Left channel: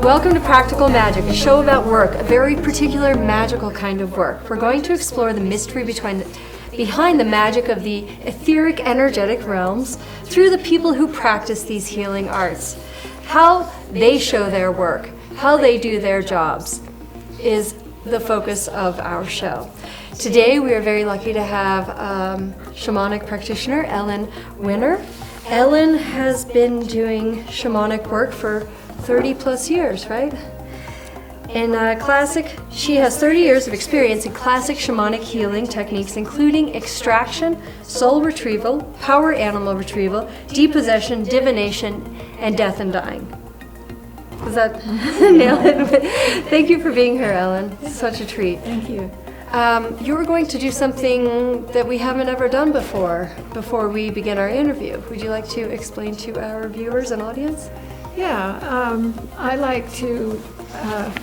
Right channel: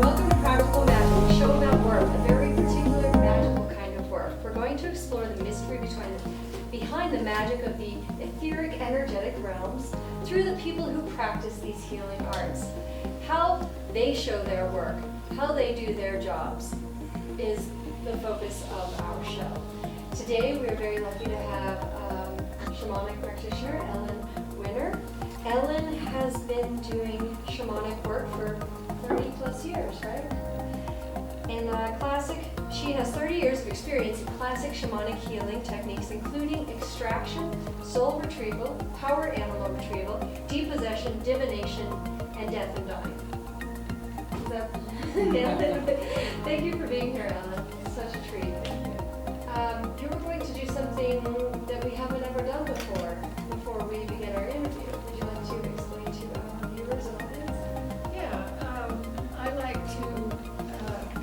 Welcome to Practical Magic, a show about work, a very particular magical kind of work. We're going to explore the mystery behind the magic of the etheric energetic realms through the people who practice these healing arts. How they show their work, how they do their jobs is the focus of our show. Today we are very lucky to have shamanic practitioner Ellen Winner. Ellen has been doing shamanic work for 30 plus years, right? She has 30 years of experience in classic shamanic healing techniques, including extraction, soul retrieval, power animal retrieval, depossession, divination, and death and dying. Is that nail it? Thank you for being here, Ellen. It's such a treat. Thank you. You were going to do something that we haven't ever done before we begin our interview. Would you like to explain to our viewers and audience? Yeah, I like to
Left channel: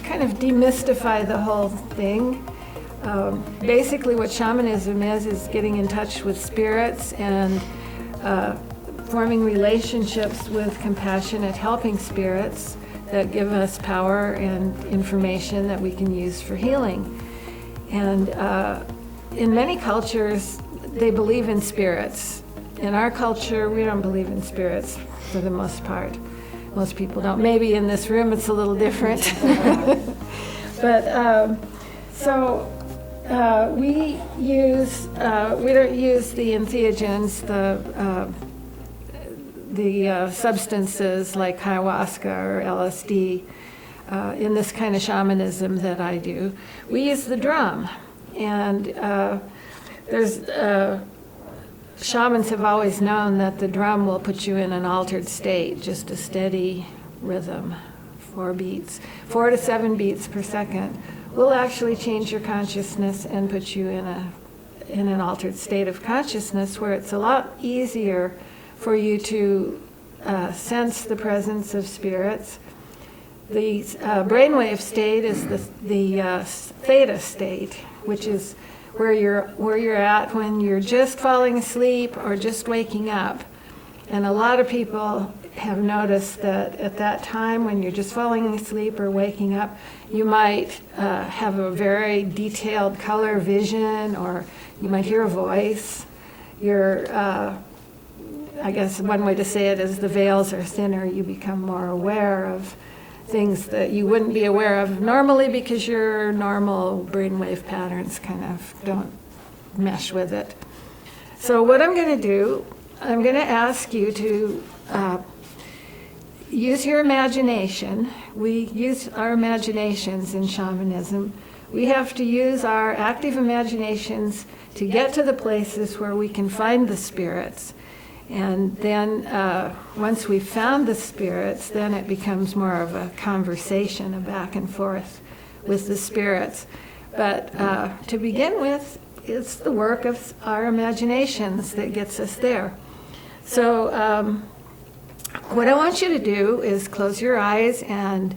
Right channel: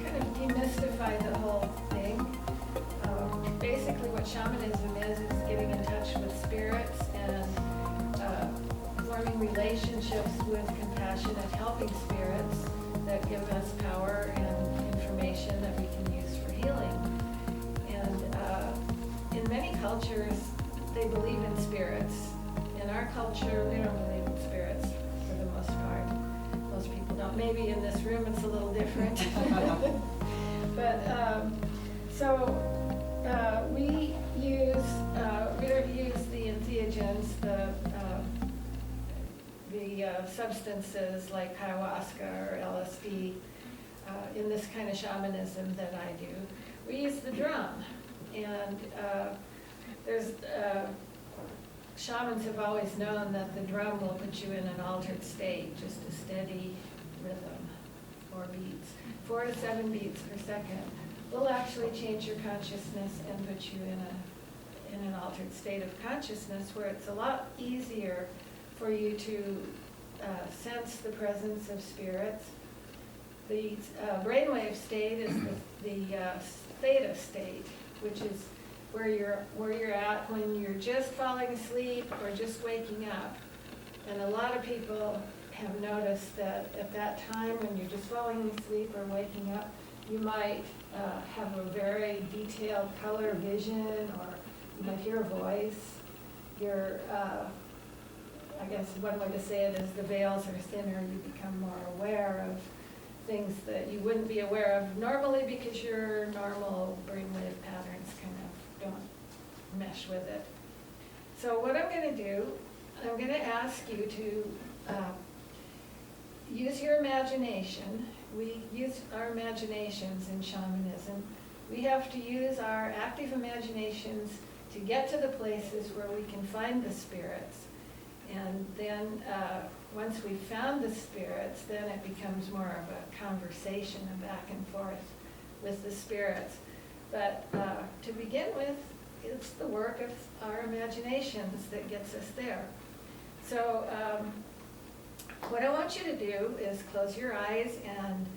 kind of demystify the whole thing. Basically what shamanism is getting in touch with spirits and forming relationships with compassionate, helping spirits that give us power and information that we can use for healing. And in many cultures, they believe in spirits. In our culture, we don't believe in spirits for the most part. Most people don't. Maybe in this room it's a little different. But we don't use the entheogens, the substances like ayahuasca or LSD in this kind of shamanism that I do. We use the drum, and shamans have always known that the drum will put you in an altered state, just a steady rhythm, 4 to 7 beats per second, will actually change your consciousness and put you in an altered state of consciousness where it's a lot easier for you to sense the presence of spirits. The brainwave state is the theta state, which is where you're at when you're just falling asleep or just waking up. And a lot of people have noticed that at that time when you're just falling asleep or waking up, you might have a very detailed color vision, or you might hear a voice. I guess one way to say it is the veils are thinner. You become more aware of things that you wouldn't be aware of normally because your normal brainwave patterns kind of don't mesh with it. So what I'm going to do, I'm going to ask you to use your imagination. We use our imaginations in shamanism. We have to use our active imaginations to get to the places where we can find the spirits. And then once we've found the spirits, then it becomes more of a conversation, a back and forth with the spirits. But to begin with, it's the work of our imaginations that gets us there. So what I want you to do is close your eyes and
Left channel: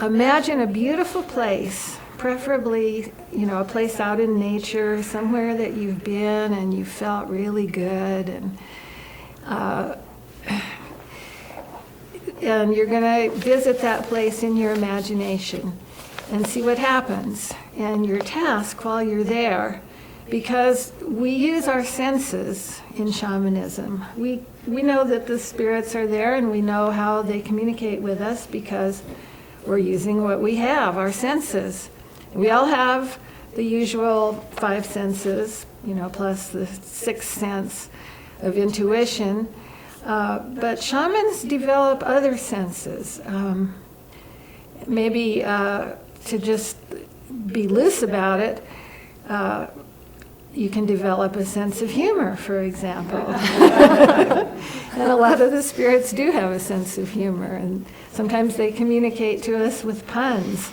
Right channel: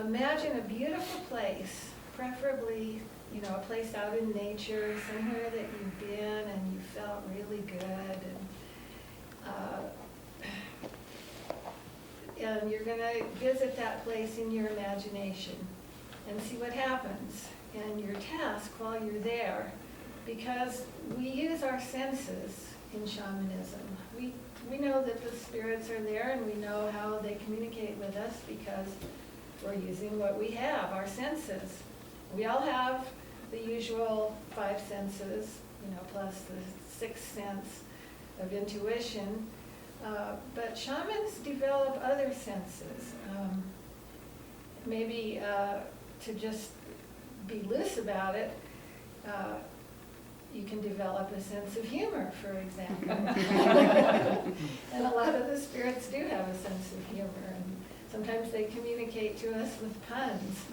imagine a beautiful place, preferably, a place out in nature, somewhere that you've been and you felt really good, and you're going to visit that place in your imagination and see what happens. And your task while you're there, because we use our senses in shamanism. We know that the spirits are there, and we know how they communicate with us because we're using what we have, our senses. We all have the usual 5 senses, plus the 6th sense of intuition, but shamans develop other senses. Maybe to just be loose about it, you can develop a sense of humor, for example. And a lot of the spirits do have a sense of humor, and sometimes they communicate to us with puns.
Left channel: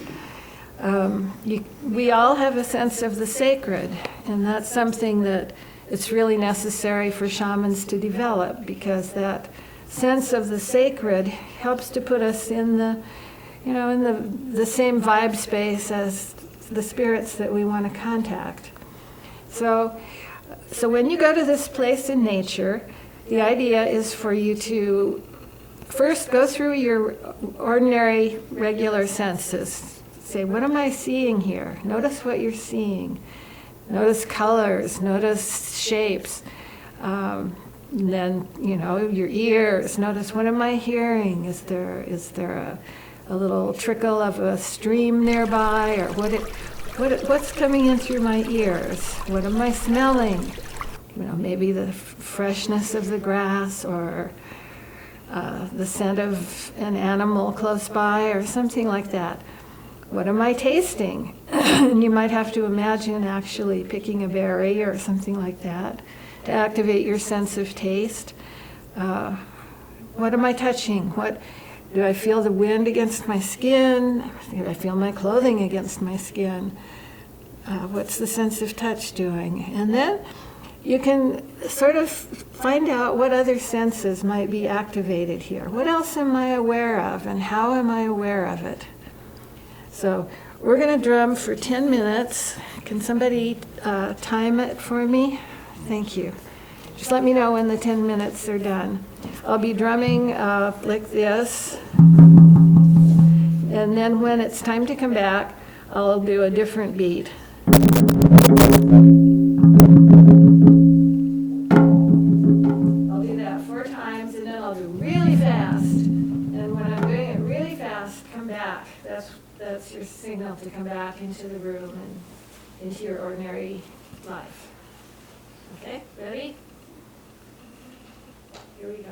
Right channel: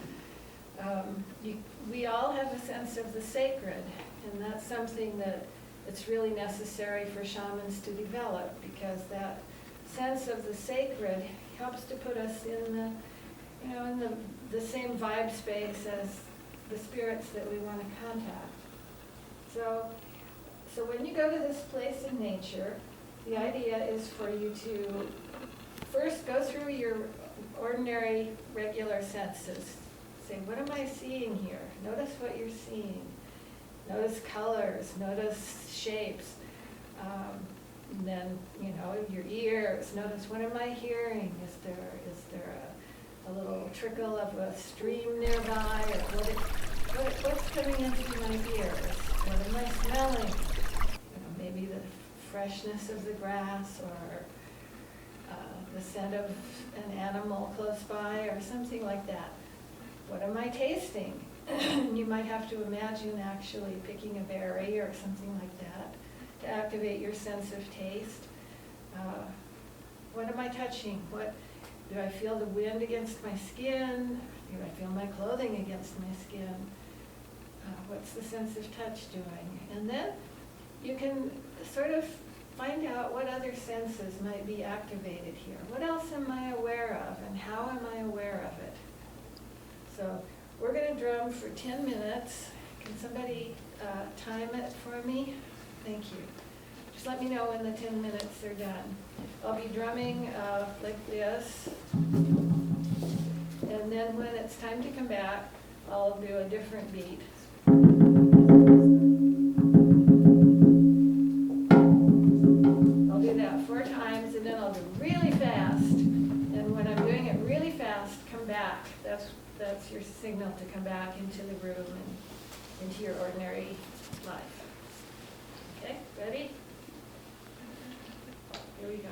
We all have a sense of the sacred, and that's something that it's really necessary for shamans to develop, because that sense of the sacred helps to put us in the same vibe space as the spirits that we want to contact. So when you go to this place in nature, the idea is for you to first go through your ordinary, regular senses. Say, what am I seeing here? Notice what you're seeing. Notice colors, notice shapes. Then, your ears, notice what am I hearing? Is there a little trickle of a stream nearby? Or what's coming in through my ears? What am I smelling? Maybe the freshness of the grass, or the scent of an animal close by, or something like that. What am I tasting? You might have to imagine actually picking a berry or something like that to activate your sense of taste. What am I touching? Do I feel the wind against my skin? Do I feel my clothing against my skin? What's the sense of touch doing? And then you can sort of find out what other senses might be activated here. What else am I aware of, and how am I aware of it? So we're going to drum for 10 minutes. Can somebody time it for me? Thank you. Just let me know when the 10 minutes are done. I'll be drumming like this. And then when it's time to come back, I'll do a different beat. I'll do that 4 times, and then I'll do really fast. And when I'm doing it really fast, come back. That's your signal to come back into the room and into your ordinary life. Okay, ready? Here we go.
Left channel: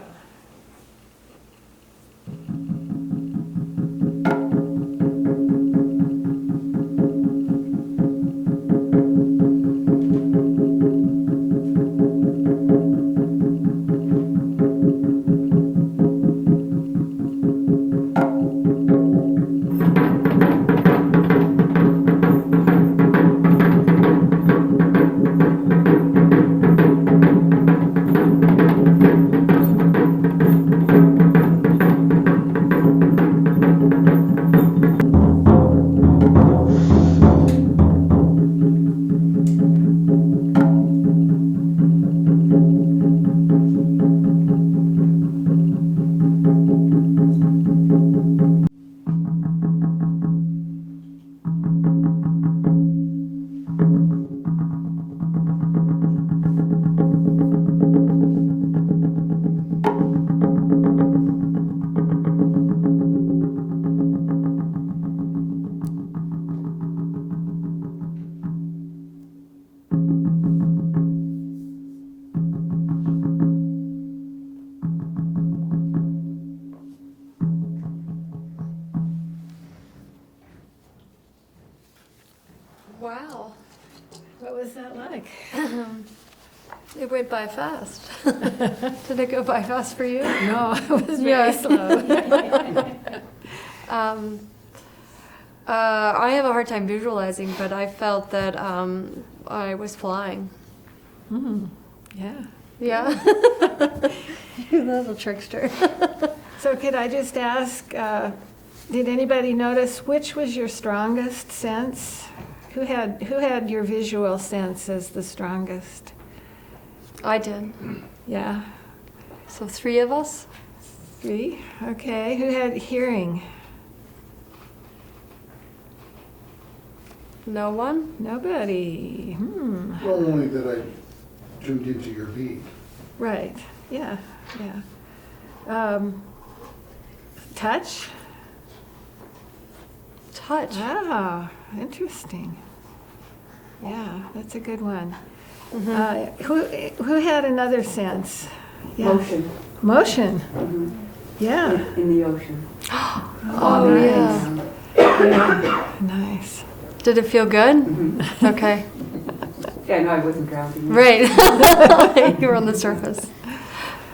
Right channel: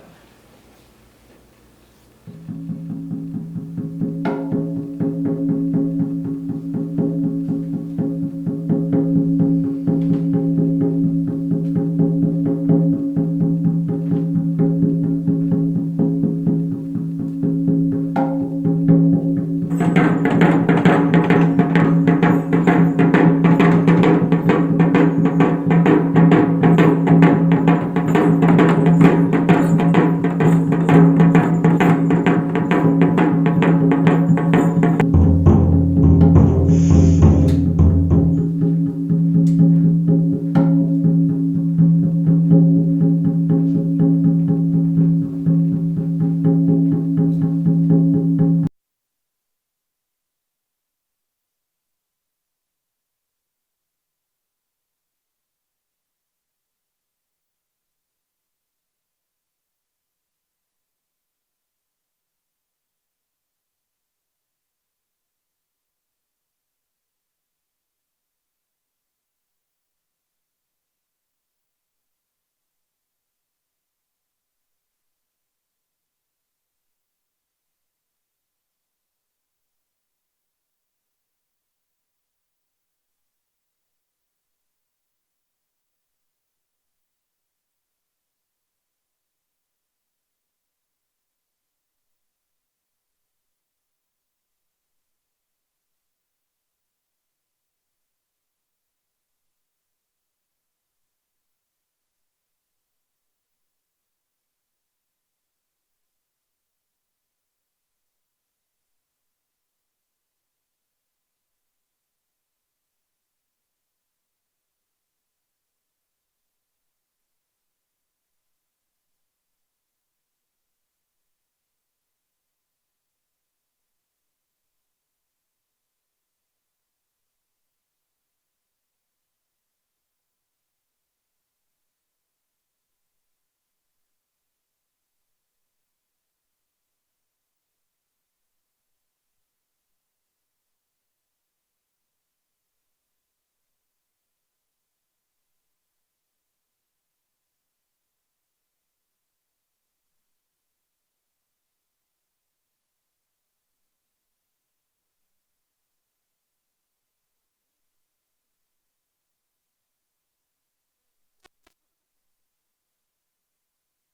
Wow. What was that like? It went by fast. Did it go by fast for you? No, it was very slow. I have a hard time visualizing, but I felt that I was flying. Yeah. Yeah. You little trickster. So could I just ask, did anybody notice which was your strongest sense? Who had your visual sense as the strongest? I did. Yeah. So 3 of us? 3? Okay. Who had hearing? No one? Nobody. Well, only that I tuned into your beat. Right. Yeah. Yeah. Touch? Touch. Ah, interesting. Yeah, that's a good one. Who had another sense? Yeah. Motion. Motion. Mhm. Yeah. In the ocean. Oh, nice. Yeah. Nice. Did it feel good? Mhm. Okay. Yeah, no, I wasn't drowning. Right. You were on the surface.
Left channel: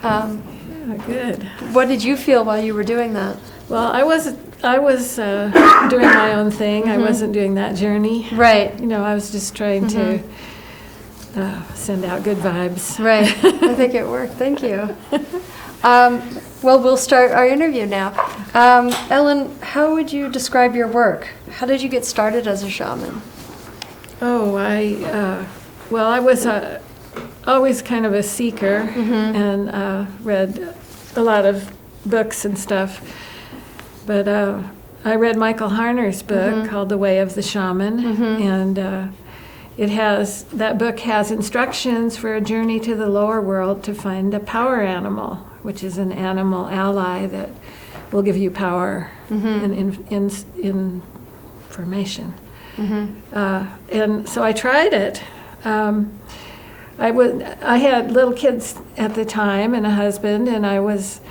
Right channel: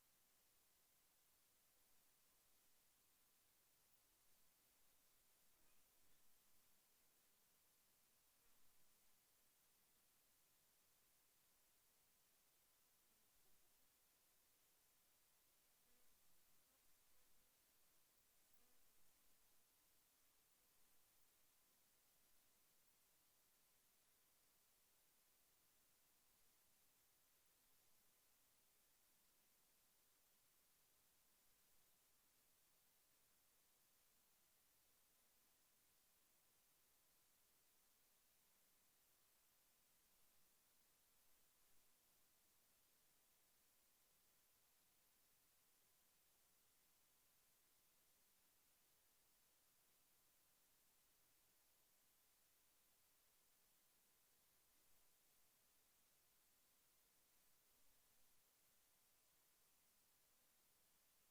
Yeah, good. What did you feel while you were doing that? Well, I was doing my own thing. I wasn't doing that journey. Right. I was just trying to send out good vibes. Right. I think it worked. Thank you. Well, we'll start our interview now. Ellen, how would you describe your work? How did you get started as a shaman? Oh, I was always kind of a seeker and read a lot of books and stuff. But I read Michael Harner's book called The Way of the Shaman, and that book has instructions for a journey to the lower world to find a power animal, which is an animal ally that will give you power and information. And so I tried it. I had little kids at the time and a husband, and I was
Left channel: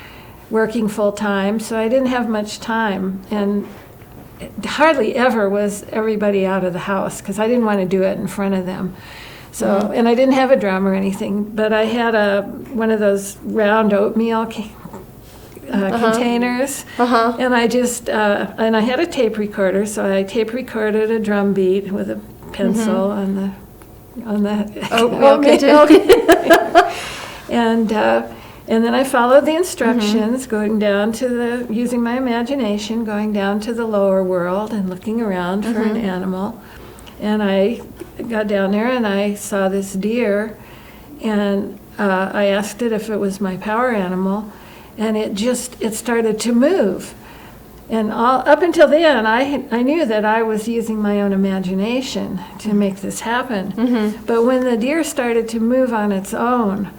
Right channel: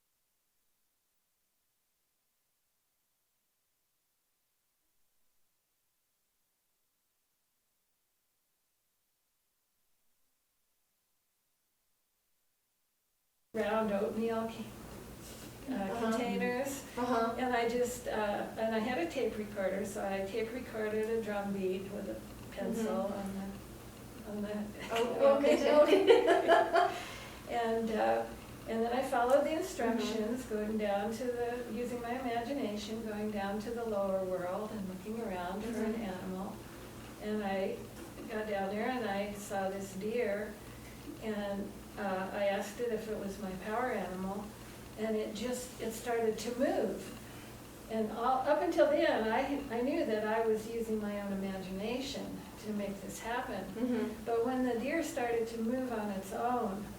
working full time, so I didn't have much time, and hardly ever was everybody out of the house because I didn't want to do it in front of them. So, and I didn't have a drum or anything, but I had one of those round oatmeal containers, and I just and I had a tape recorder, so I tape recorded a drum beat with a pencil on the oatmeal, and then I followed the instructions, going down to using my imagination, going down to the lower world and looking around for an animal. And I got down there and I saw this deer, and I asked it if it was my power animal, and it started to move. And up until then, I knew that I was using my own imagination to make this happen. But when the deer started to move on its own,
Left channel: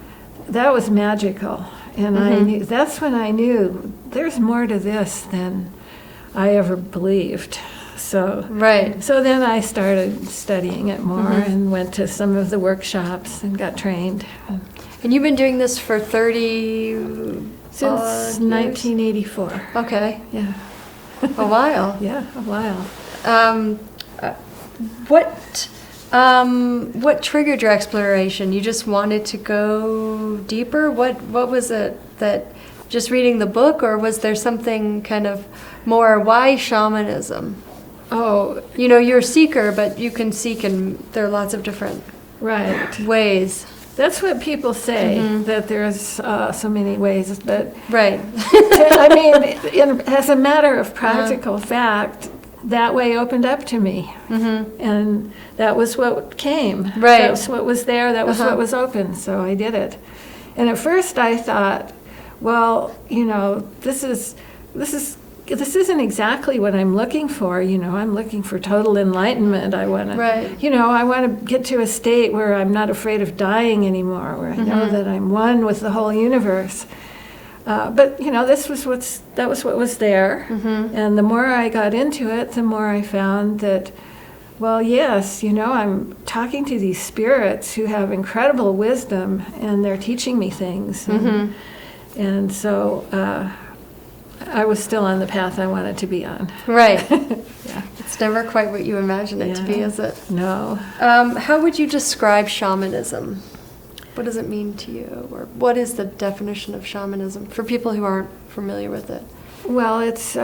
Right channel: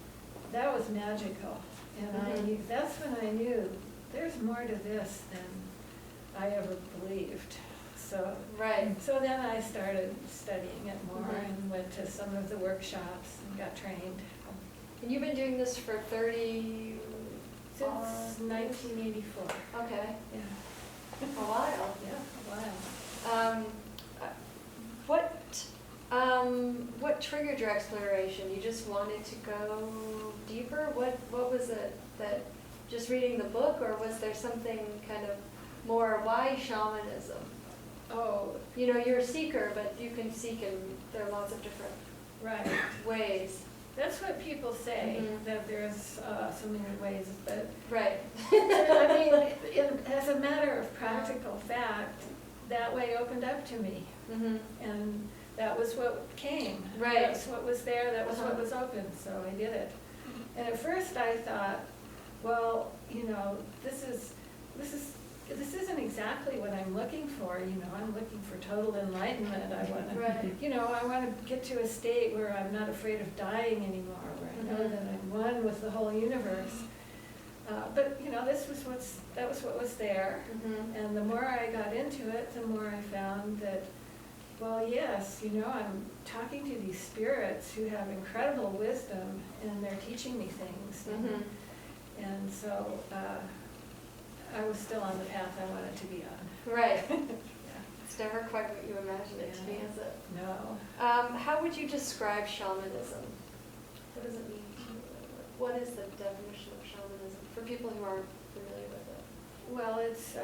that was magical. And that's when I knew there's more to this than I ever believed. So then I started studying it more and went to some of the workshops and got trained. And you've been doing this for 30 Since 1984. Okay. Yeah. A while. Yeah, a while. What triggered your exploration? You just wanted to go deeper? What was it that just reading the book, or was there something kind of more? Why shamanism? Oh, You're a seeker, but you can seek in there are lots of different ways. That's what people say, that there's so many ways, but I mean, as a matter of practical fact, that way opened up to me, and that was what came. That was what was there. That was what was open. So I did it. And at first I thought, well, this isn't exactly what I'm looking for. I'm looking for total enlightenment. I want to, I want to get to a state where I'm not afraid of dying anymore, where I know that I'm one with the whole universe. But that was what was there. And the more I got into it, the more I found that, well, yes, I'm talking to these spirits who have incredible wisdom, and they're teaching me things. And so I was still on the path I wanted to be on. Right. Yeah. It's never quite what you imagined it to be, is it? No. How would you describe shamanism? What does it mean to you? Or what is the definition of shamanism for people who aren't familiar with it? Well, it's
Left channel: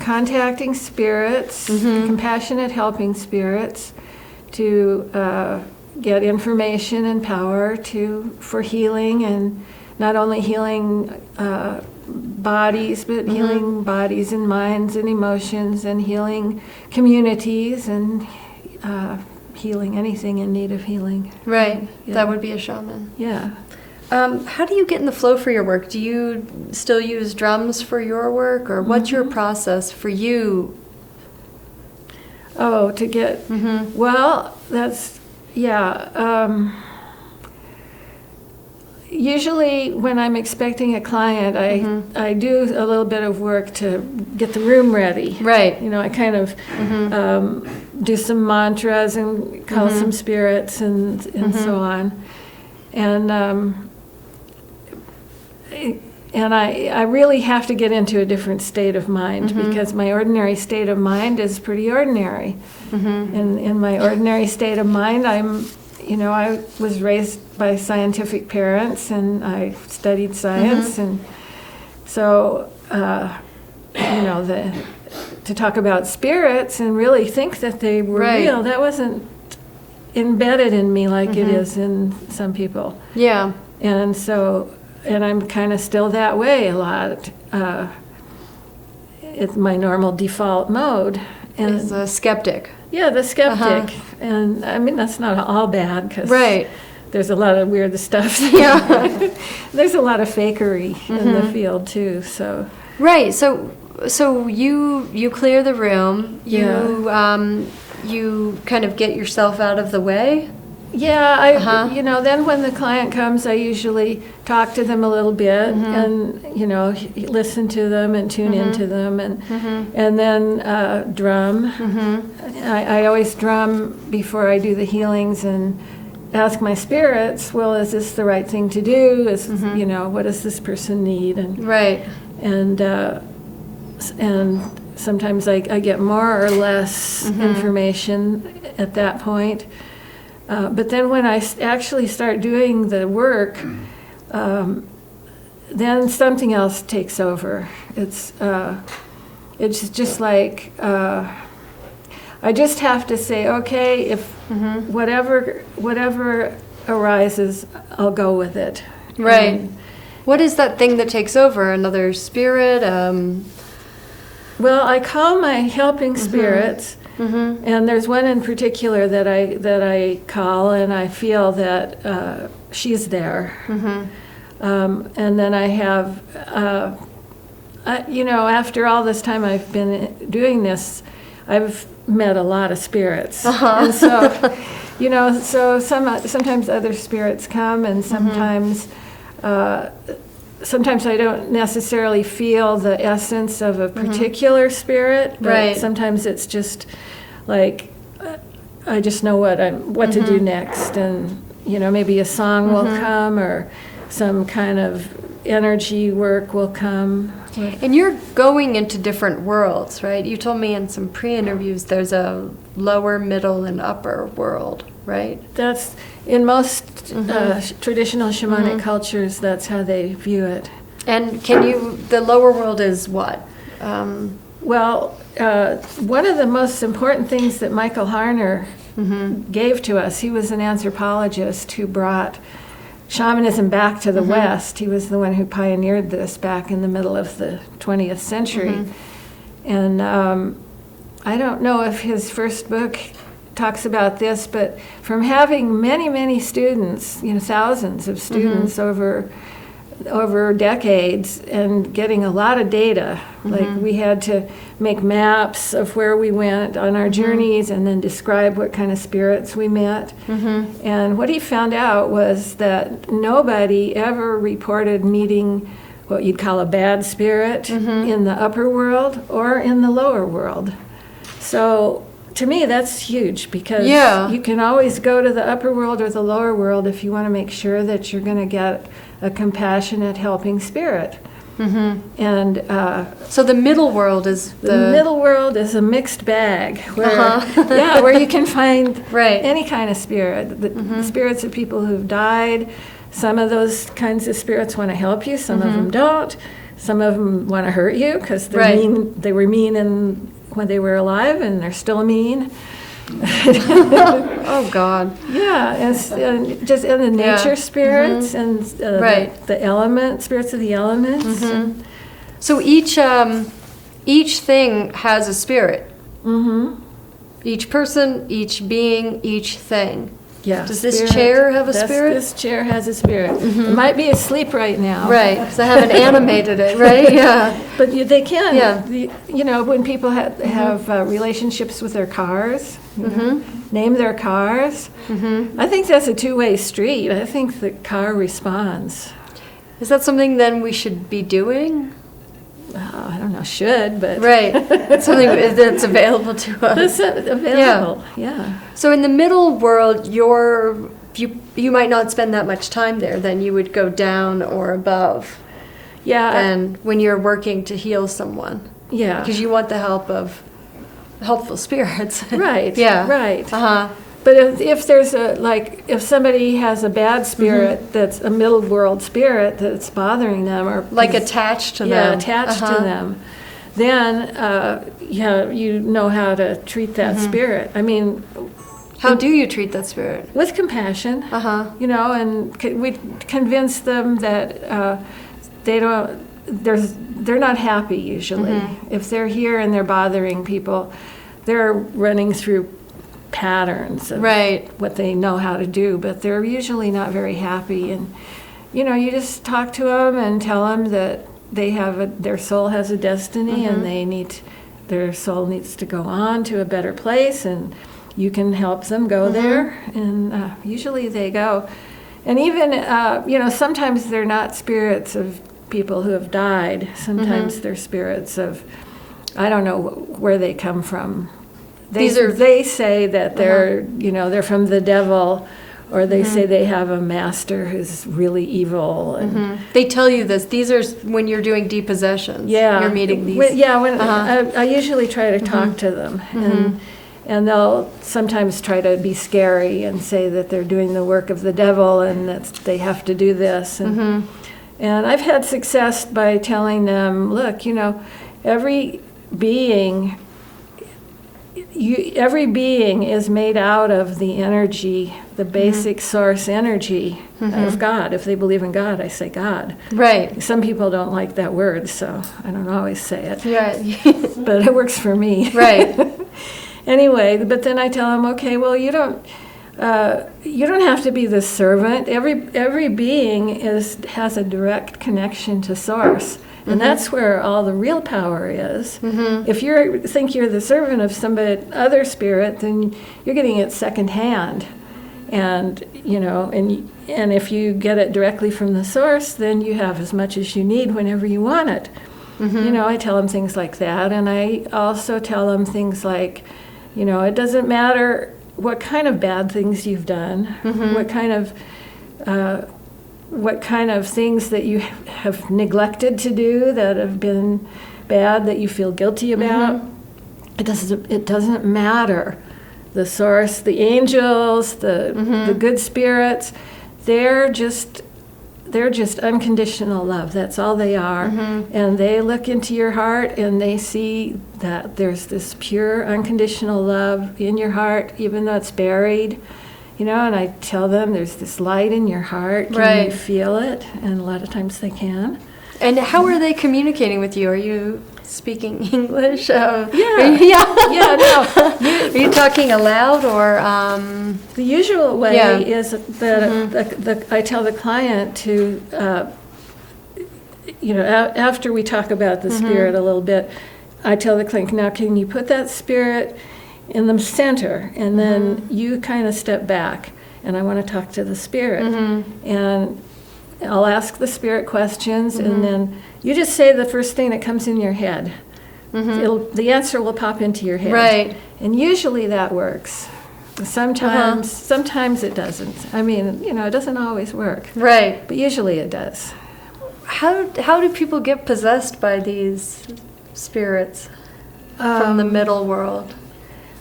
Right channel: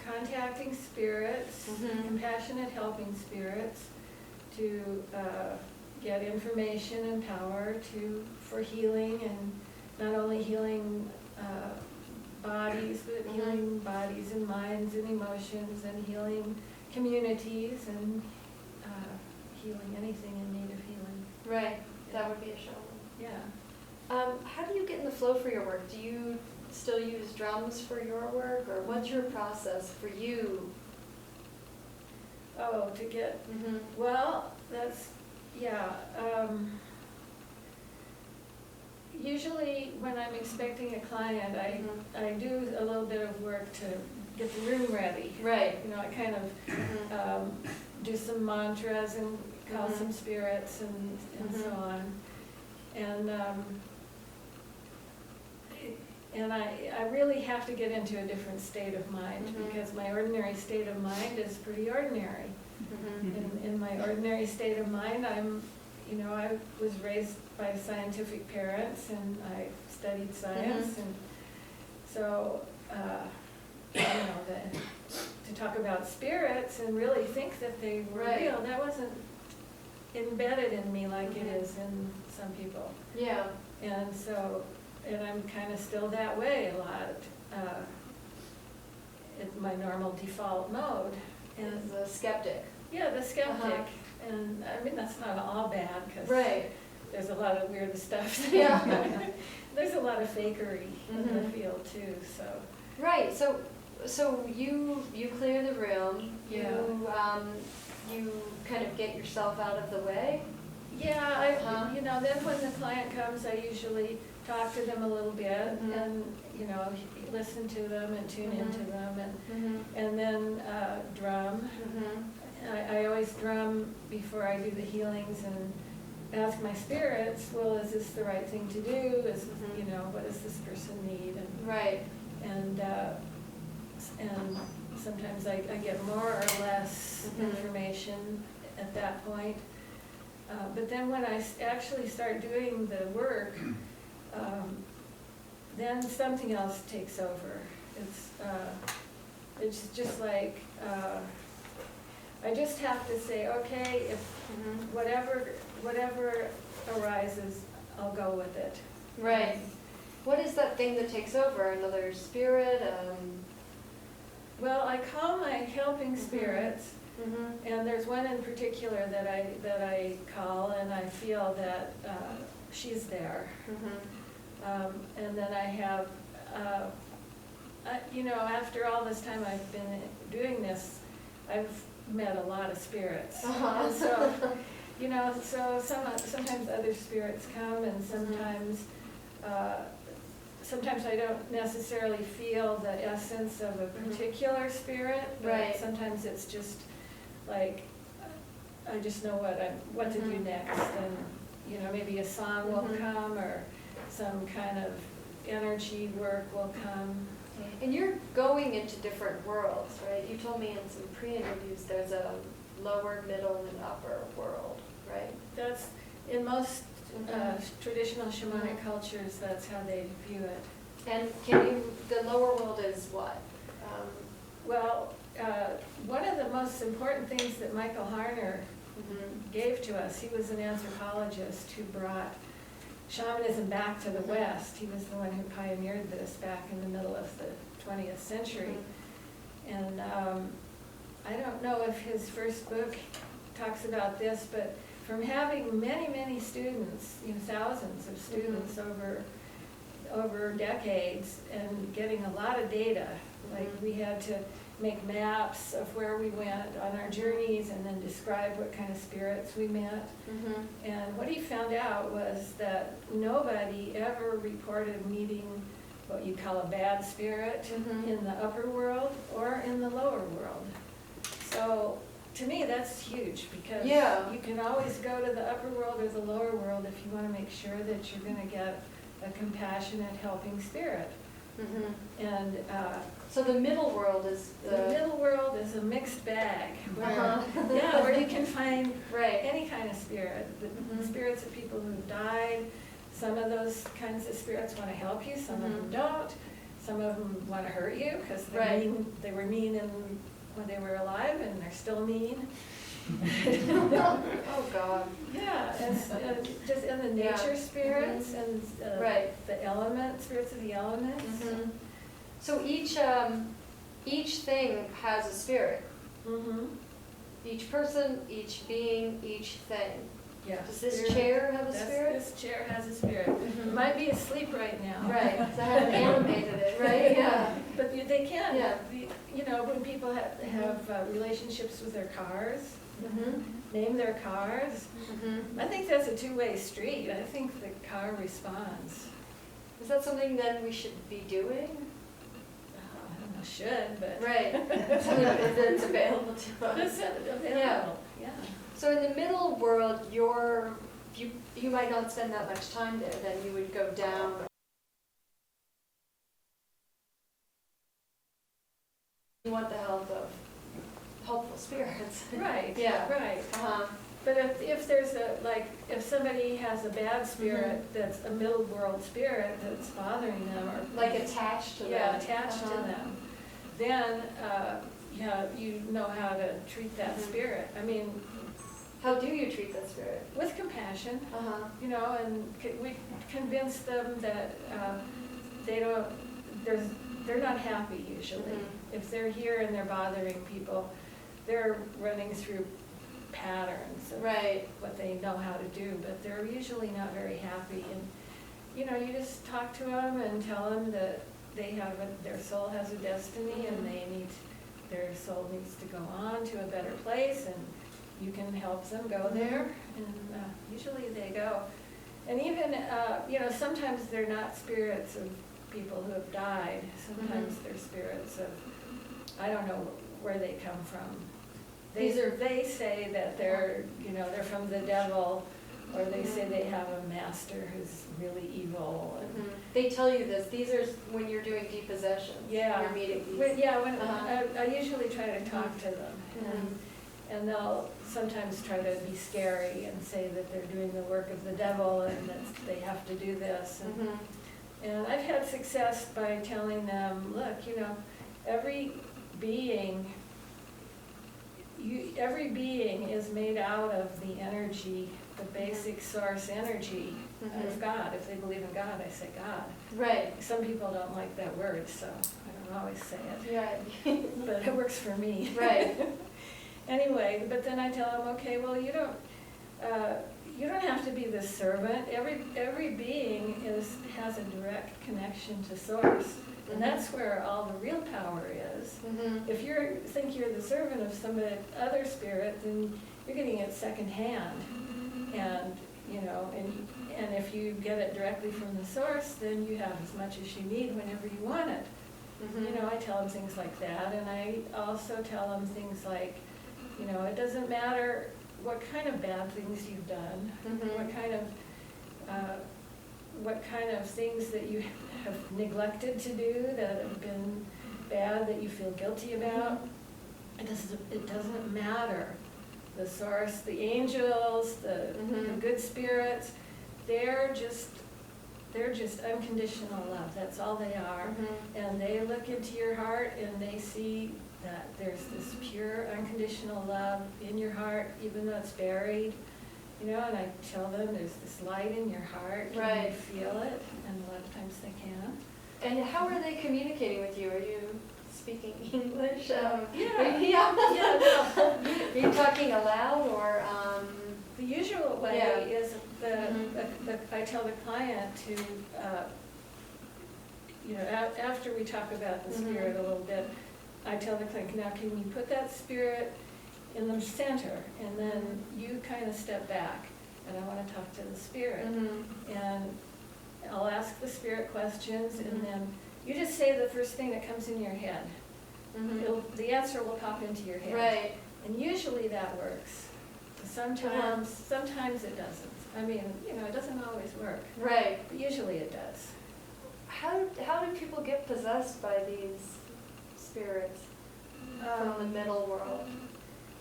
contacting spirits, compassionate helping spirits to get information and power for healing, and not only healing bodies, but healing bodies and minds and emotions, and healing communities, and healing anything in need of healing. Right. Yeah. That would be a shaman. Yeah. How do you get in the flow for your work? Do you still use drums for your work, or what's your process for you? Oh, to get, well, that's, usually when I'm expecting a client, I do a little bit of work to get the room ready. Right. I kind of do some mantras and call some spirits and so on. And I really have to get into a different state of mind, because my ordinary state of mind is pretty ordinary. And in my ordinary state of mind, I was raised by scientific parents, and I studied science, and so to talk about spirits and really think that they were real, that wasn't embedded in me like it is in some people. Yeah. And so, and I'm kind of still that way a lot. It's my normal default mode. And As a skeptic. yeah, the skeptic. And I mean, that's not all bad, 'cause, there's a lot of weird stuff. Yeah. There's a lot of fakery in the field too. So Right. So you clear the room. You kind of get yourself out of the way. yeah, then when the client comes, I usually talk to them a little bit and listen to them and tune into them and then drum. I always drum before I do the healings and ask my spirits, well, is this the right thing to do? What does this person need? And Right. and sometimes I get more or less information at that point. But then when I actually start doing the work, then something else takes over. It's just like I just have to say, okay, if whatever arises, I'll go with it. Right. What is that thing that takes over? Another spirit? Well, I call my helping spirits, and there's one in particular that I call, and I feel that she's there. And then I have, after all this time I've been doing this, I've met a lot of spirits, and so, so sometimes other spirits come, and sometimes. Sometimes I don't necessarily feel the essence of a particular spirit, but Right. sometimes it's just like I just know what to do next, and maybe a song will come or some kind of energy work will come. And you're going into different worlds, right? You told me in some pre-interviews there's a lower, middle, and upper world, right? That's in most traditional shamanic cultures. That's how they view it. And the lower world is what? Well, one of the most important things that Michael Harner gave to us, he was an anthropologist who brought shamanism back to the West. He was the one who pioneered this back in the middle of the 20th century. And I don't know if his first book talks about this, but from having many, many students, thousands of students over decades and getting a lot of data, like we had to make maps of where we went on our journeys and then describe what kind of spirits we met. And what he found out was that nobody ever reported meeting what you'd call a bad spirit in the upper world or in the lower world. So to me, that's huge because you can always go to the upper world or the lower world if you want to make sure that you're going to get a compassionate, helping spirit. And So the middle world is the middle world is a mixed bag where, where you can find any kind of spirit. The spirits of people who've died. Some of those kinds of spirits want to help you. Some of them don't. Some of them want to hurt you because they're mean. They were mean when they were alive, and they're still mean. Oh God. Yeah, and just in the nature spirits and the spirits of the elements. So each thing has a spirit. Each person, each being, each thing. Yeah. Does this chair have a spirit? This chair has a spirit. It might be asleep right now. Right, because I haven't animated it, right? Yeah. But they can. Yeah. When people have relationships with their cars, name their cars. I think that's a two-way street. I think the car responds. Is that something then we should be doing? I don't know, should, but... Right. It's something that's available to us. It's available, yeah. So in the middle world, you might not spend that much time there. Then you would go down or above. Yeah. And when you're working to heal someone. Yeah. Because you want the help of helpful spirits. Right. Yeah. Right. But if there's if somebody has a bad spirit that's a middle world spirit that's bothering them or like attached to them. Yeah, attached to them, then you know how to treat that spirit. I mean, how do you treat that spirit? With compassion. And we convince them that they're not happy usually. If they're here and they're bothering people, they're running through patterns of Right. what they know how to do, but they're usually not very happy. And you just talk to them and tell them that their soul has a destiny, and their soul needs to go on to a better place, and you can help them go there. And usually they go. And even sometimes they're not spirits of people who have died. Sometimes they're spirits of, I don't know where they come from. They say that they're from the devil, or they say they have a master who's really evil. And They tell you this. These are when you're doing depossessions. You're meeting these. I usually try to talk to them, and they'll sometimes try to be scary and say that they're doing the work of the devil and that they have to do this. And I've had success by telling them, look, every being is made out of the energy, the basic source energy of God. If they believe in God, I say God. Right. Some people don't like that word, so I don't always say it. Yeah. But it works for me. Right. Anyway, but then I tell them, okay, well, you don't have to be the servant. Every being has a direct connection to source. And that's where all the real power is. If you think you're the servant of other spirit, then you're getting it secondhand. And and if you get it directly from the source, then you have as much as you need whenever you want it. I tell them things like that, and I also tell them things like, it doesn't matter what kind of bad things you've done, what kind of things that you have neglected to do that have been bad, that you feel guilty about. It doesn't matter. The source, the angels, the good spirits, they're just unconditional love. That's all they are. And they look into your heart and they see that there's this pure unconditional love in your heart, even though it's buried. And I tell them there's this light in your heart. Can you feel it? And a lot of times they can. And how are they communicating with you? Are you speaking English? No. Are you talking aloud or? The usual way is that I tell the client to, after we talk about the spirit a little bit, I tell the client, now can you put that spirit in the center, and then you kind of step back, and I want to talk to the spirit, and I'll ask the spirit questions, and then you just say the first thing that comes in your head. The answer will pop into your head, Right. And usually that works. Sometimes it doesn't. I mean, it doesn't always work, Right. but usually it does. How do people get possessed by these spirits from the middle world?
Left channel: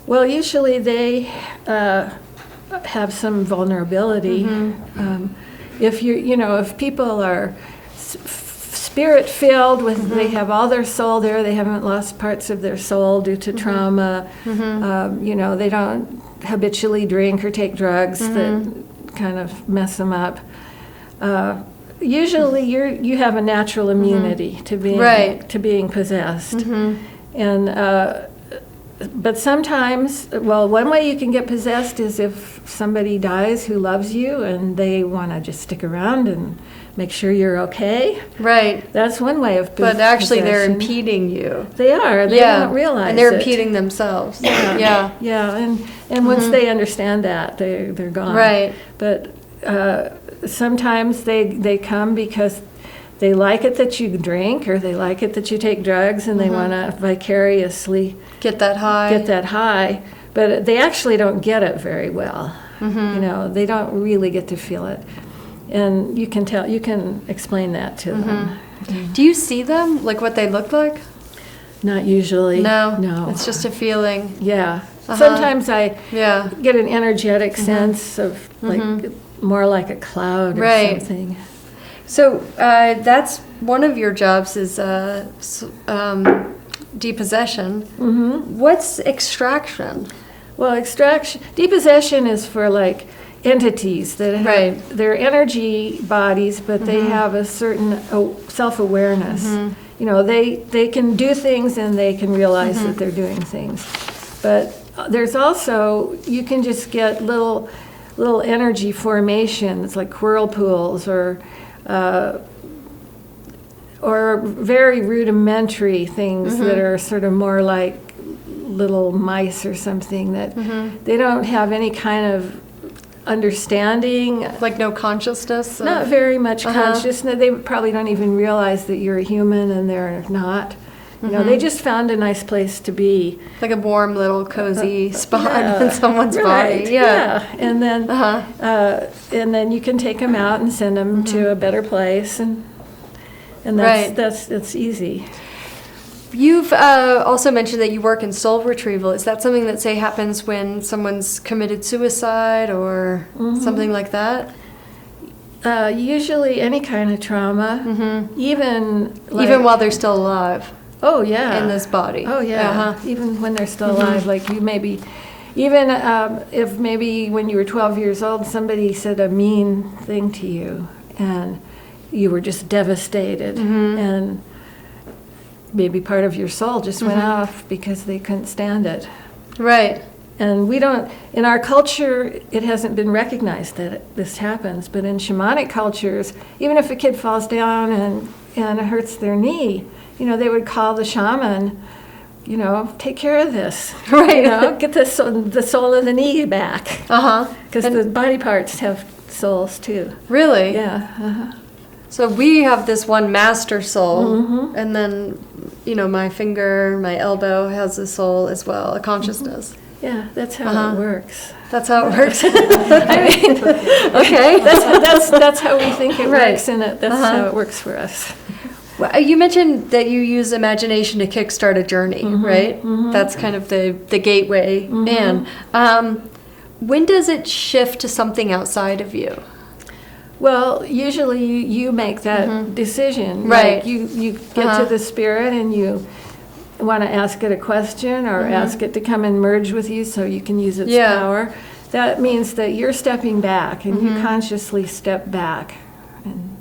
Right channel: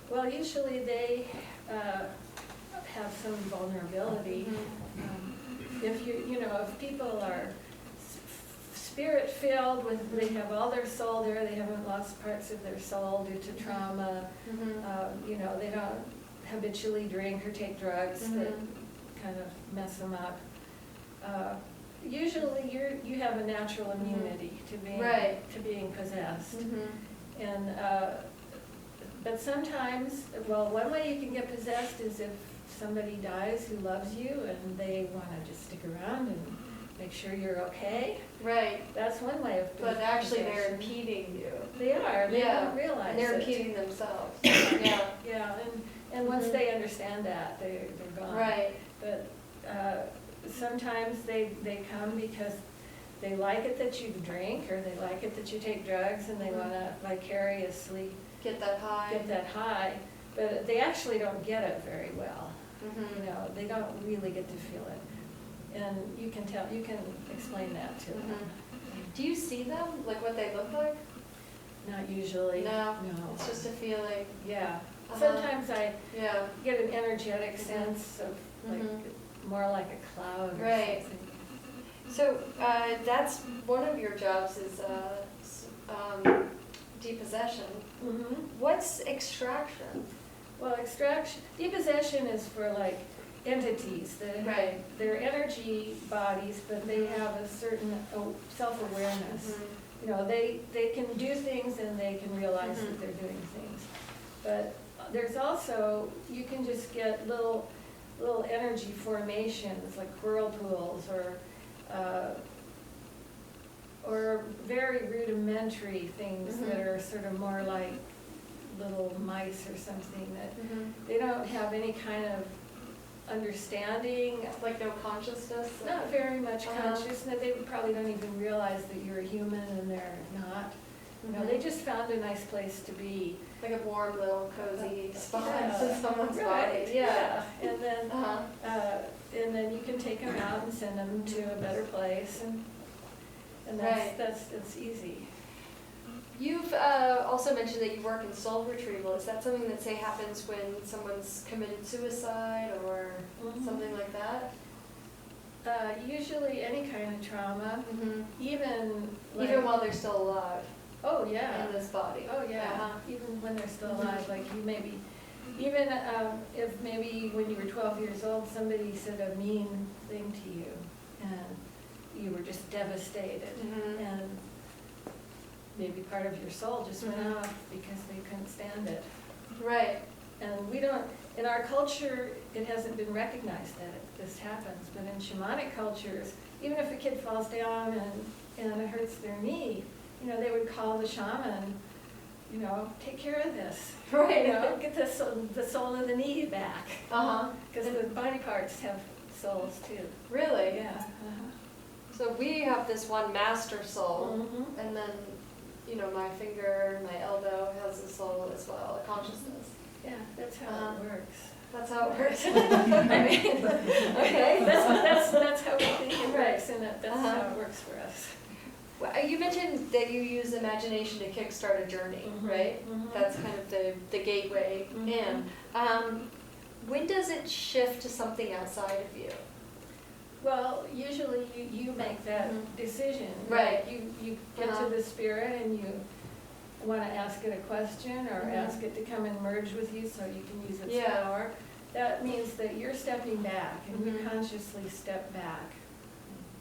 Well, usually they have some vulnerability. If people are spirit-filled, they have all their soul there, they haven't lost parts of their soul due to trauma, they don't habitually drink or take drugs that kind of mess them up. Usually you have a natural immunity to being possessed. And but sometimes, one way you can get possessed is if somebody dies who loves you and they want to just stick around and make sure you're okay. Right. That's one way of But actually they're possession. impeding you. They are. They don't realize and they're it. impeding themselves. Yeah. And once they understand that, they're gone. Right. But sometimes they come because they like it that you drink, or they like it that you take drugs, and they want to vicariously Get that high. But they actually don't get it very well. They don't really get to feel it. And you can explain that to them. Do you see them, like what they look like? Not usually. No. It's just a feeling. Yeah. Sometimes I Yeah. get an energetic sense of more like a cloud or something. So that's one of your jobs is depossession. What's extraction? Well, depossession is for like entities that have their energy bodies, but they have a certain self-awareness. They can do things and they can realize that they're doing things. But there's also, you can just get little energy formations like whirlpools or very rudimentary things that are sort of more like little mice or something that they don't have any kind of understanding. Like no consciousness? Not very much consciousness. They probably don't even realize that you're a human and they're not. You know, they just found a nice place to be. Like a warm little cozy spot Yeah, in someone's right, body. Yeah. And then you can take them out and send them to a better place, and that's easy. You've also mentioned that you work in soul retrieval. Is that something that, say, happens when someone's committed suicide or something like that? Usually any kind of trauma, even while they're still alive. Oh yeah. In this body. Oh yeah. Even when they're still alive, like you maybe, even if maybe when you were 12 years old, somebody said a mean thing to you, and you were just devastated, and maybe part of your soul just went off because they couldn't stand it. Right. And we don't, in our culture, it hasn't been recognized that this happens, but in shamanic cultures, even if a kid falls down and it hurts their knee, you know, they would call the shaman, you know, take care of this. Right. You know, get the soul of the knee back. Because the body parts have souls too. Really? Yeah. So we have this one master soul, and then, you know, my finger, my elbow has a soul as well, a consciousness. Yeah, that's how it works. That's how it works. I mean, okay. That's how we think it Right. works, and that's how it works for us. Well, you mentioned that you use imagination to kickstart a journey, right? That's kind of the gateway in. When does it shift to something outside of you? Well, usually you make that decision. Right. Like you get to the spirit and you want to ask it a question or ask it to come and merge with you so you can use its power. That means that you're stepping back and you consciously step back. And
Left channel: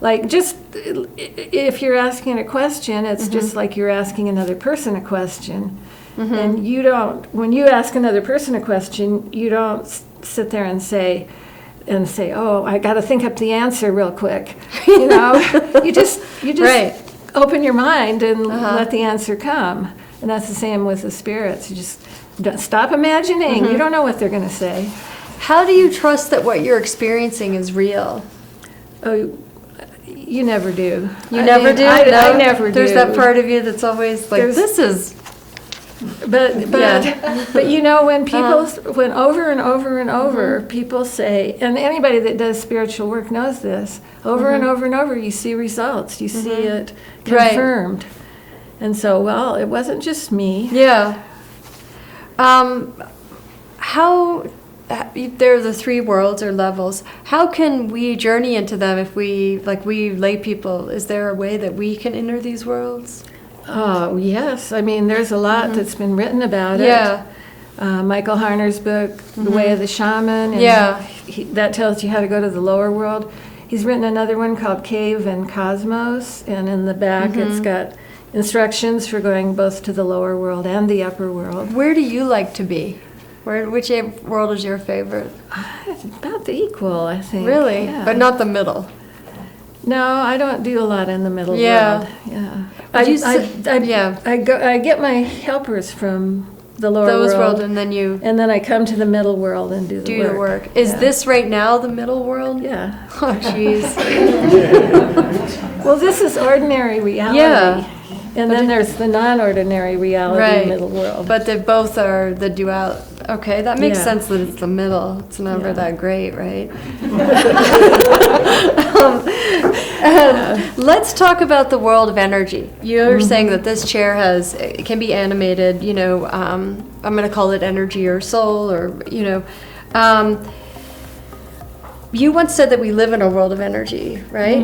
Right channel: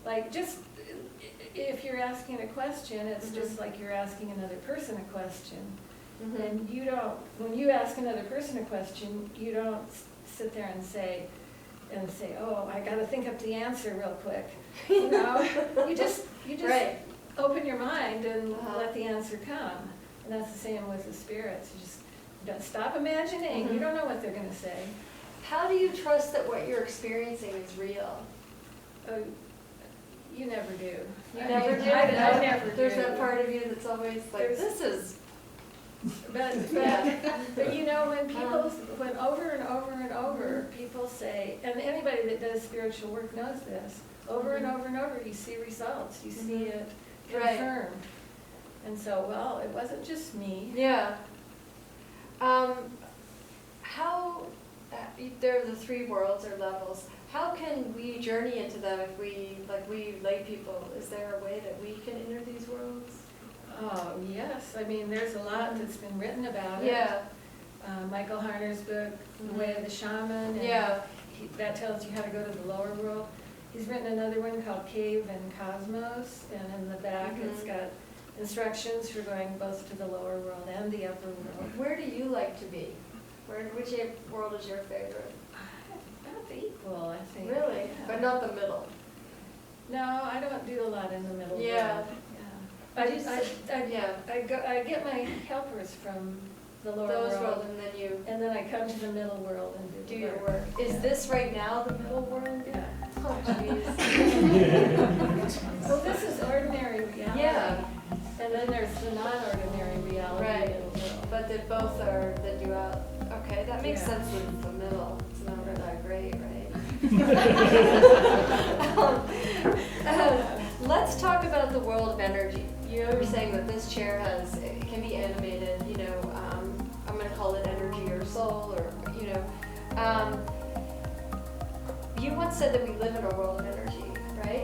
like just if you're asking a question, it's just like you're asking another person a question. And you don't, when you ask another person a question, you don't sit there and say, oh, I got to think up the answer real quick. You know, you just Right. open your mind and let the answer come. And that's the same with the spirits. You just stop imagining. You don't know what they're going to say. How do you trust that what you're experiencing is real? Oh, you never do. You never do? I No? never do. There's that part of you that's always like, There's- this is... But you know, when people, when over and over and over, people say, and anybody that does spiritual work knows this, over and over and over, you see results, you see it confirmed. And so, well, it wasn't just me. Yeah. How, there are the three worlds or levels. How can we journey into them if we lay people? Is there a way that we can enter these worlds? Oh, yes. I mean, there's a lot that's been written about it. Yeah. Michael Harner's book, The Way of the Shaman. And that tells you how to go to the lower world. He's written another one called Cave and Cosmos, and in the back it's got instructions for going both to the lower world and the upper world. Where do you like to be? Which world is your favorite? About the equal, I think. Really? Yeah. But not the middle? No, I don't do a lot in the middle world. Yeah. I get my helpers from the lower world, and then I come to the middle world and do the work. Is this right now the middle world? Yeah. Oh, jeez. Well, this is ordinary reality. Yeah. And then there's the non-ordinary reality, middle world. But they both are the dual. Okay, that makes Yeah. sense that it's the middle. It's never that great, right? Let's talk about the world of energy. You're saying that this chair it can be animated, you know, I'm going to call it energy or soul or, you know. You once said that we live in a world of energy, right?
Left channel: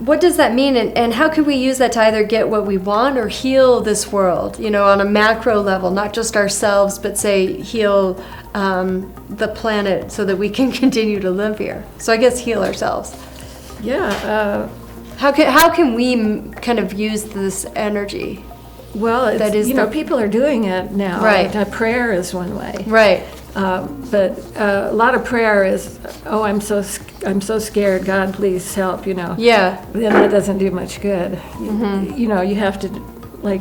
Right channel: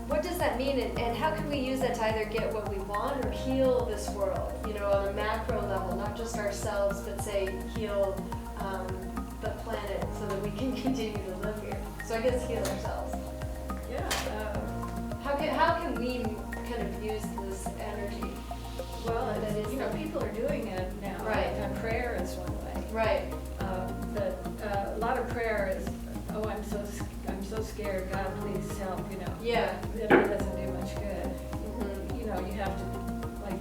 What does that mean, and how can we use that to either get what we want or heal this world, you know, on a macro level, not just ourselves, but say heal the planet so that we can continue to live here? So I guess heal ourselves. Yeah. How can we kind of use this energy? Well, That is people are doing it now. Right. Prayer is one way. Right. But a lot of prayer is, oh, I'm so scared. God, please help. Yeah. Then that doesn't do much good. You have to,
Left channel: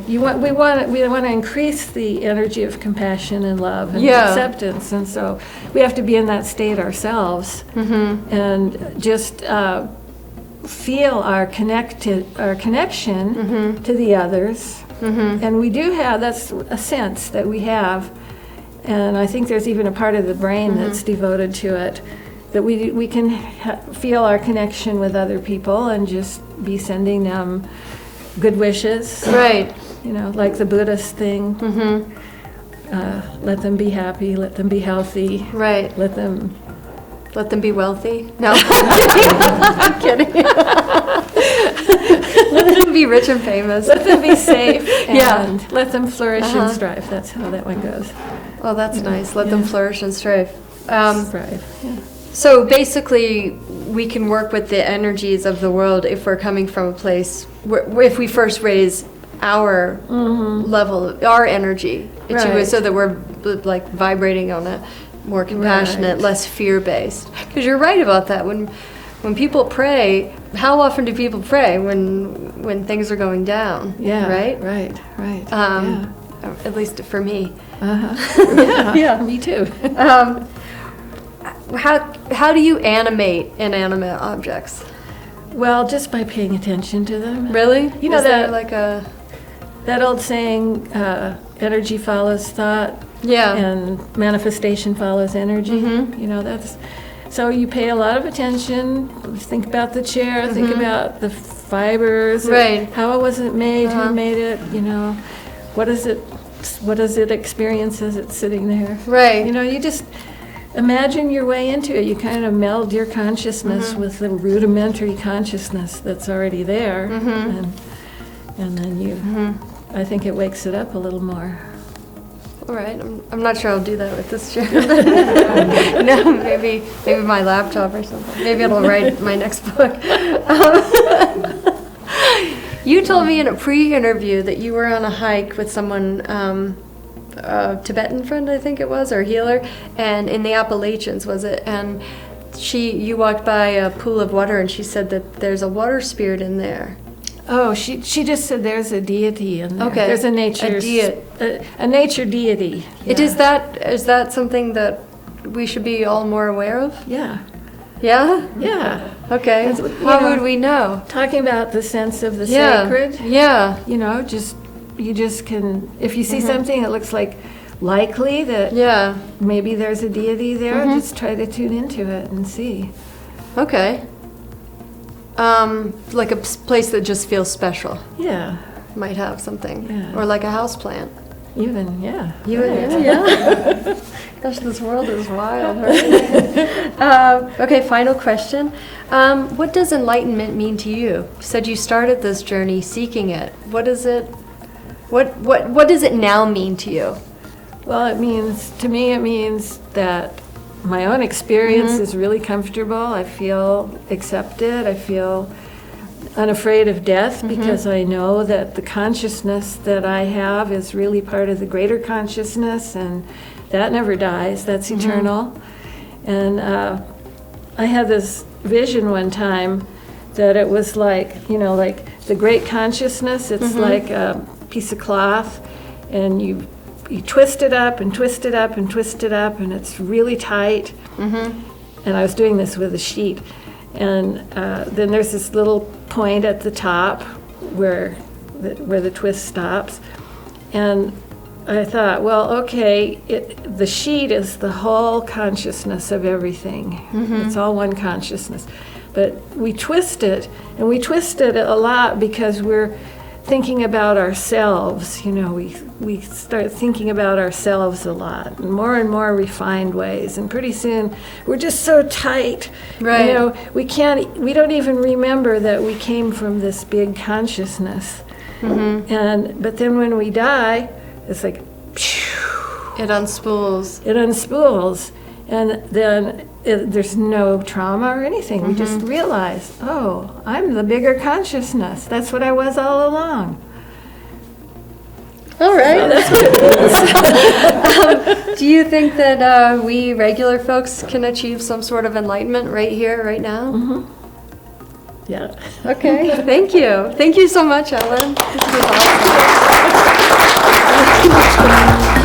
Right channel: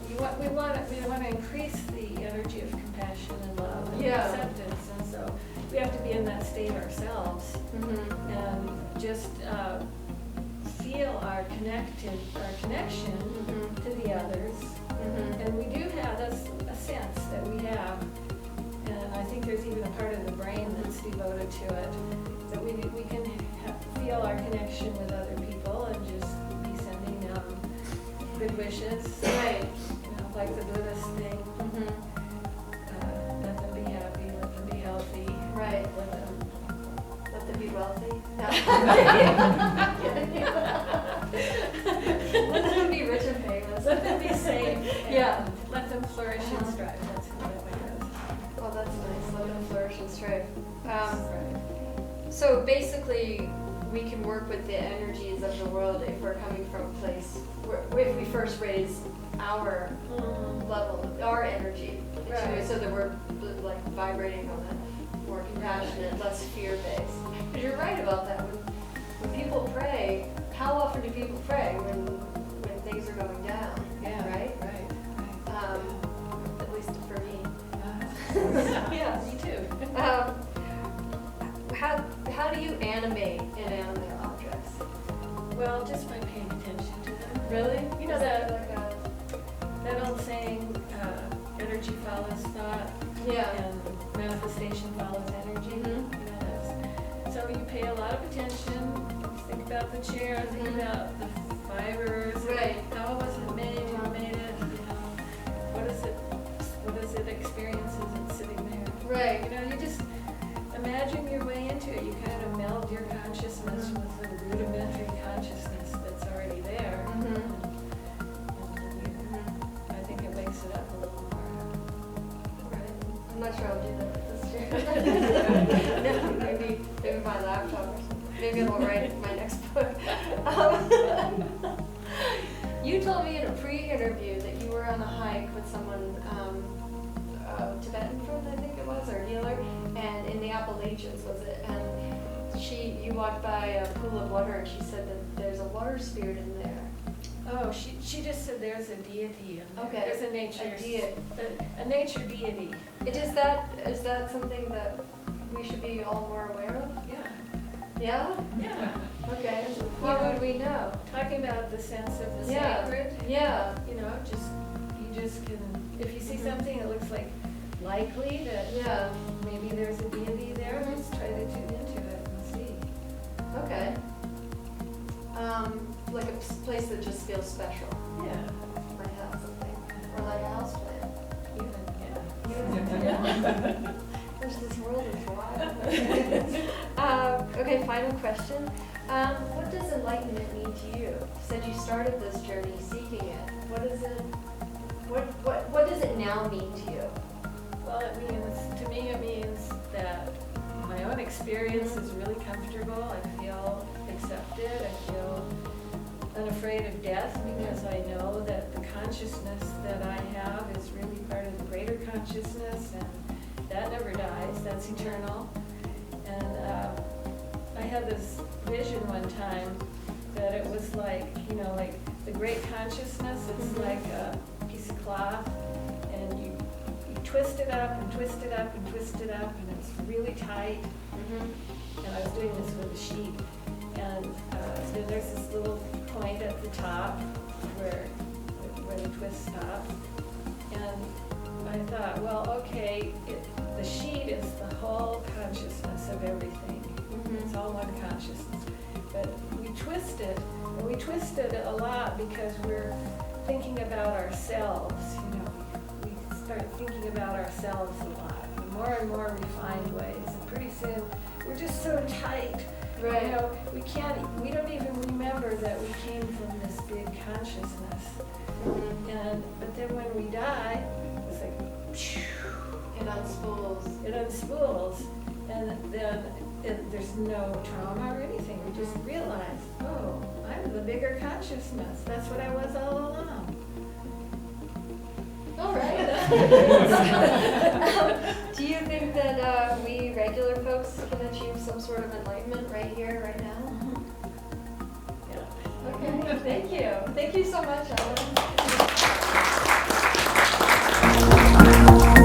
we want to increase the energy of compassion and love and acceptance, and so we have to be in that state ourselves and just feel our connection to the others. And we do have, that's a sense that we have, and I think there's even a part of the brain that's devoted to it, that we can feel our connection with other people and just be sending them good wishes. Right. Like the Buddhist thing. Let them be happy, let them be healthy. Right. Let them be wealthy. No. I'm kidding. Let them be rich and famous. Let them be safe. Yeah. And let them flourish and strive. That's how that one goes. Well, that's nice. Let them flourish and strive. Strive. Yeah. So basically, we can work with the energies of the world if we're coming from a place where if we first raise our level, our energy, Right. so that we're like vibrating on a more compassionate, Right. less fear-based. Because you're right about that. When people pray, how often do people pray when things are going down? Yeah. Right. Right. At least for me. Yeah. Me too. How do you animate inanimate objects? Well, just by paying attention to them. Really? You know Is there that- like a That old saying, energy follows thought. yeah. And manifestation follows energy. That's, so you pay a lot of attention, think about the chair, think about the fibers, Right. how was it made, who made it, what does it experience as it's sitting there. Right. You just imagine your way into it. You kind of meld your consciousness with the rudimentary consciousness that's already there, and then I think it wakes it up a little more. All right. I'm not sure I'll do that with this chair. No, maybe my laptop or something. Maybe it'll write my next book. You told me in a pre-interview that you were on a hike with someone, a Tibetan friend, I think it was, or healer, and in the Appalachians, was it? And you walked by a pool of water, and she said that there's a water spirit in there. Oh, she just said there's a deity in there. Okay. There's a nature deity. Is that something that we should be all more aware of? Yeah. Yeah? Yeah. Okay. How would we know? Talking about the sense of the Yeah. sacred. Yeah. You just can, if you see something that looks likely that Yeah. maybe there's a deity there, just try to tune into it and see. Okay. Like a place that just feels special Yeah. might have something. Yeah. Or like a house plant. Even, yeah. Yeah. Gosh, this world is wild. Right? Okay, final question. What does enlightenment mean to you? You said you started this journey seeking it. What is it? What does it now mean to you? Well, it means that my own experience is really comfortable. I feel accepted. I feel unafraid of death because I know that the consciousness that I have is really part of the greater consciousness, and that never dies. That's eternal. And I had this vision one time that it was like the great consciousness. It's like a piece of cloth, and you twist it up and twist it up and twist it up, and it's really tight. And I was doing this with a sheet. And then there's this little point at the top where the twist stops. And I thought, well, okay, the sheet is the whole consciousness of everything. It's all one consciousness. But we twist it, and we twist it a lot because we're thinking about ourselves. We start thinking about ourselves a lot, in more and more refined ways, and pretty soon we're just so tight. Right. We don't even remember that we came from this big consciousness. But then when we die, it's like It unspools. it unspools, and then there's no trauma or anything. We just realize, oh, I'm the bigger consciousness. That's what I was all along. All right. Do you think that we regular folks can achieve some sort of enlightenment right here, right now? Mm-hmm. Yeah. Okay, thank you. Thank you so much, Ellen. This was awesome.